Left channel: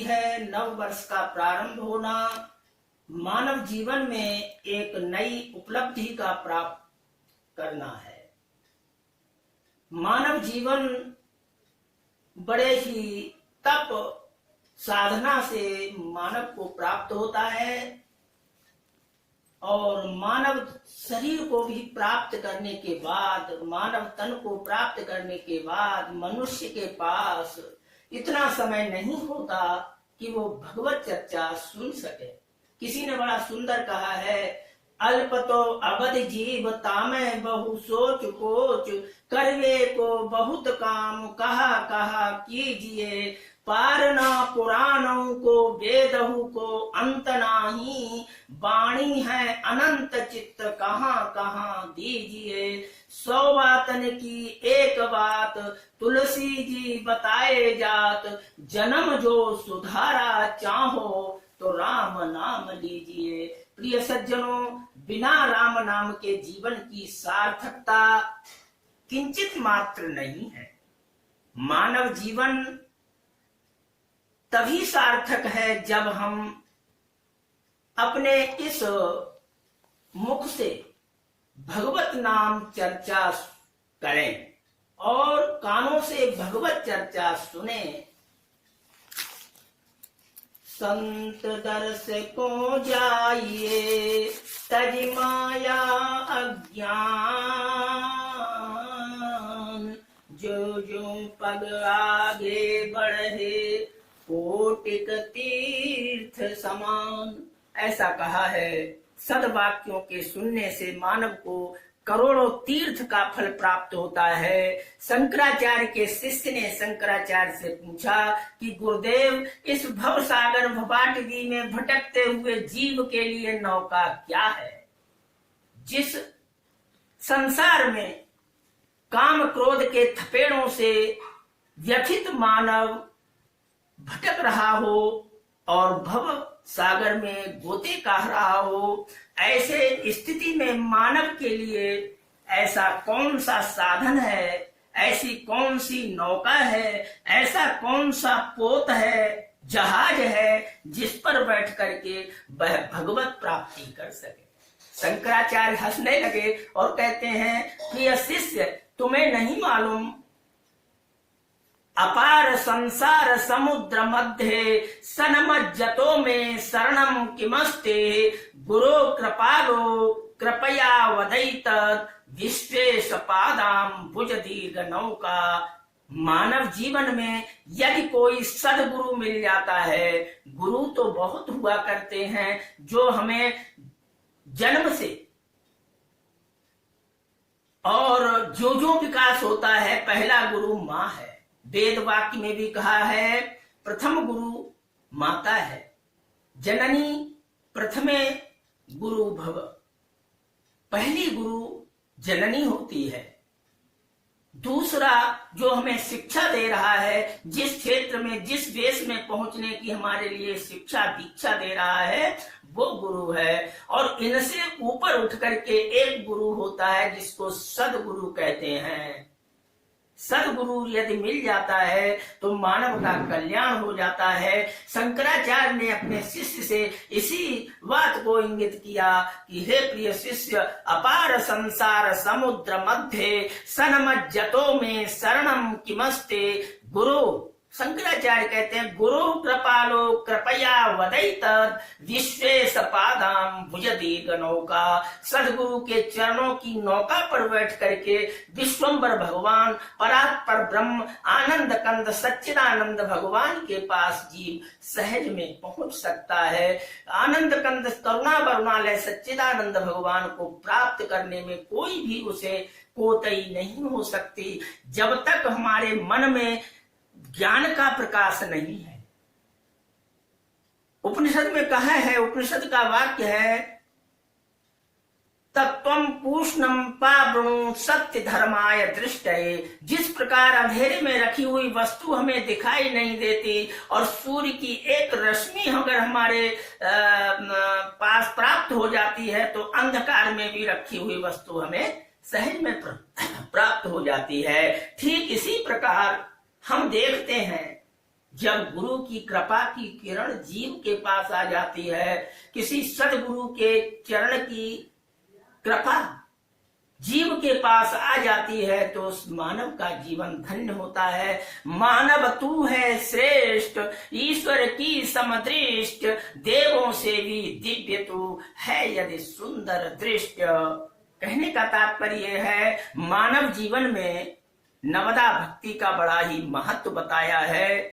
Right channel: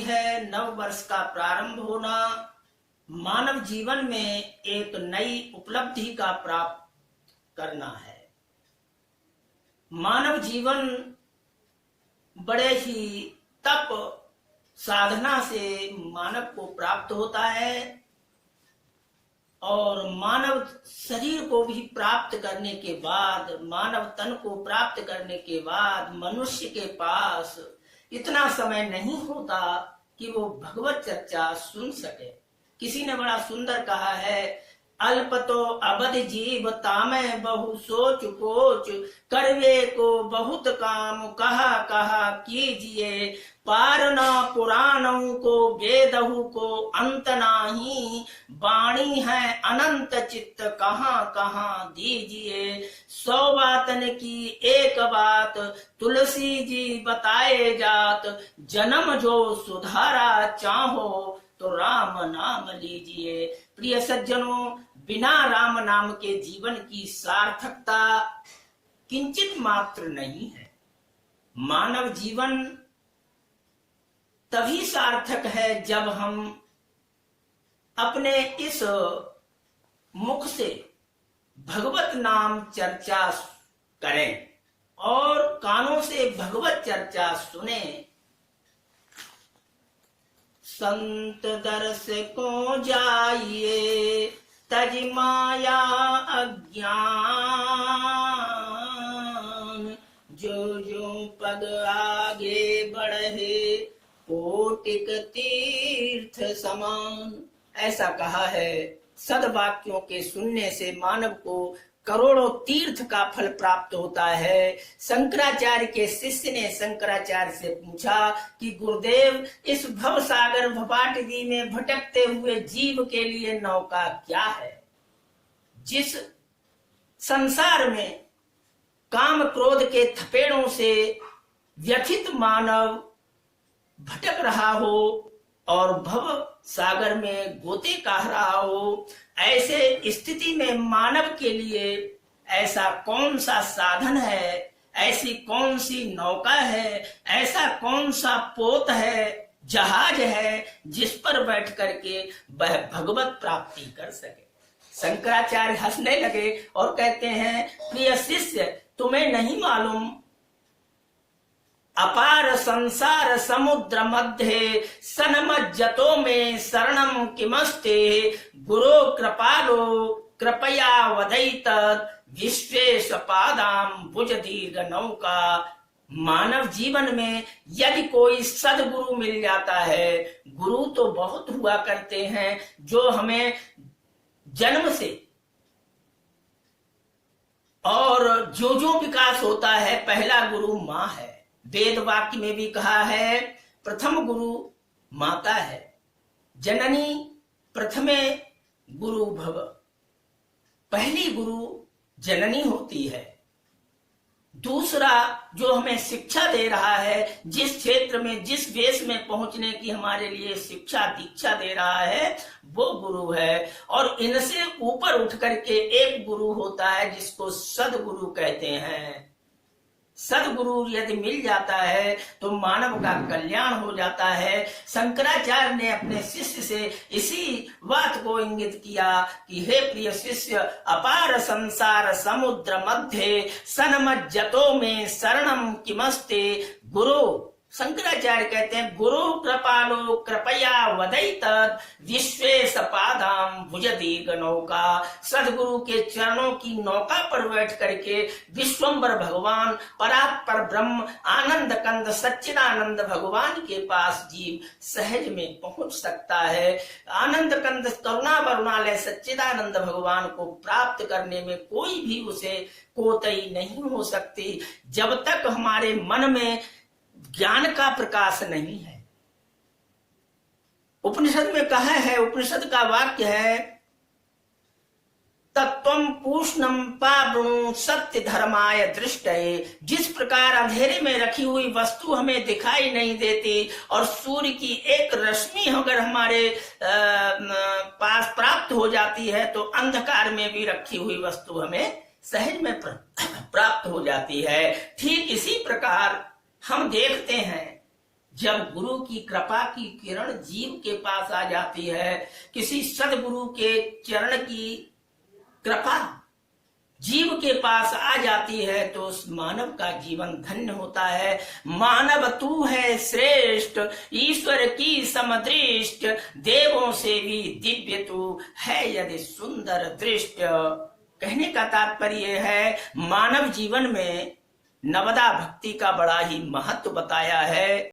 है नव वर्ष का प्रारंभ होना, मानव जीवन में एक नई उपलब्धि का प्राप्त करना है। मानव जीवन बड़े ही तप साधना से मानव को प्राप्त होता है और मानव शरीर को भी प्राप्त करने के बाद, मानव तन को प्राप्त करने के बाद मनुष्य के पास इतना समय नहीं होता कि वो भगवत चर्चा सुन सके। किसी ने बड़ा सुंदर कहा है, अल्प तो अवध जीव तामे बहु सोच कोच, करवे को बहुत काम कहा कहा कीजिए, पारना पुराणों को वेदहु को अंत नाही, वाणी है अनंत चित्त कहाँ कहाँ दीजिए, 100 बातन की एक बात तुलसी जी बताए जात, जन्म जो सुधारा चाहो तो राम नाम लीजिए। प्रिय सज्जनों, बिना राम नाम के जीवन की सार्थकता किंचित मात्र नहीं है। मानव जीवन तभी सार्थक है जब हम अपने इस मुख से भगवत नाम चर्चा करें और कानों से भगवत चर्चा सुने। संत दर्श को जाइए तज माया अज्ञान, जो जो पग आगे बढ़े कोटिक तीर्थ समान। ऐसा कहा है, सद्वाक्यों के सुनने से मानव को करोड़ों तीर्थ का फल प्राप्त होता है। शंकराचार्य के शिष्य ने शंकराचार्य से पूछा कि गुरुदेव, इस भव सागर भवाटगी में भटकते हुए जीव के लिए नौका क्या है? जिस संसार में काम क्रोध के थपेड़ों से व्यथित मानव भटक रहा हो और भव सागर में गोते काट रहा हो, ऐसे स्थिति में मानव के लिए ऐसा कौन सा साधन है, ऐसी कौन सी नौका है, ऐसा कौन सा पोत है, जहाज है जिस पर बैठ करके वह भगवत प्राप्ति कर सके। शंकराचार्य हंसने लगे और कहते हैं, प्रिय शिष्य, तुम्हें नहीं मालूम, अपार संसार समुद्र मध्य सनमज्जतो में शरणम किमस्ते, गुरु कृपालो कृपया वदैत विश्वेश पादाम भुज दीर्घ नौका। मानव जीवन में यदि कोई सदगुरु मिल जाता है, गुरु तो बहुत हुआ करते हैं जो हमें जन्म से और जो विकास होता है, पहला गुरु माँ है। वेद वाक्य में भी कहा है, प्रथम गुरु माता है, जननी प्रथमे गुरु भव। पहली गुरु जननी होती है। दूसरा जो हमें शिक्षा दे रहा है, जिस क्षेत्र में जिस वेश में पहुंचने की हमारे लिए शिक्षा दीक्षा दे रहा है, वो गुरु है। और इनसे ऊपर उठ करके एक गुरु होता है जिसको सदगुरु कहते हैं। सदगुरु यदि मिल जाता है तो मानव का कल्याण हो जाता है। शंकराचार्य ने अपने शिष्य से इसी बात को इंगित किया कि हे प्रिय शिष्य, अपार संसार समुद्र मध्य सनमज्जतो में शरणम किमस्ते, गुरु शंकराचार्य कहते हैं, गुरु कृपालो कृपया वदैत विश्वेश पादाम भुज दीर्घ नौका। सदगुरु के चरणों की नौका पर बैठ करके विश्वम्बर भगवान, परात्पर ब्रह्म, आनंद कंद सच्चिदानंद भगवान के पास जीव सहज में पहुंच सकता है। आनंद कंद करुणा वरुणालय सच्चिदानंद भगवान को प्राप्त करने में कोई भी उसे कोताही नहीं हो सकती, जब तक हमारे मन में ज्ञान का प्रकाश नहीं है। उपनिषद में कहा है, उपनिषद का वाक्य है, तत्वम पूष्णम पावृणु सत्य धर्माय दृष्टये। जिस प्रकार अंधेरे में रखी हुई वस्तु हमें दिखाई नहीं देती और सूर्य की एक रश्मि अगर हमारे पास प्राप्त हो जाती है, तो अंधकार में भी रखी हुई वस्तु हमें सहज में प्राप्त हो जाती है। ठीक इसी प्रकार हम देखते हैं जब गुरु की कृपा की किरण जीव के पास आ जाती है, किसी सदगुरु के चरण की कृपा जीव के पास आ जाती है, तो उस मानव का जीवन धन्य होता है। मानव तू है श्रेष्ठ, ईश्वर की समदृष्ट, देवों से भी दिव्य तू है यदि सुंदर दृष्ट। कहने का तात्पर्य है, मानव जीवन में नवदा भक्ति का बड़ा ही महत्व बताया है।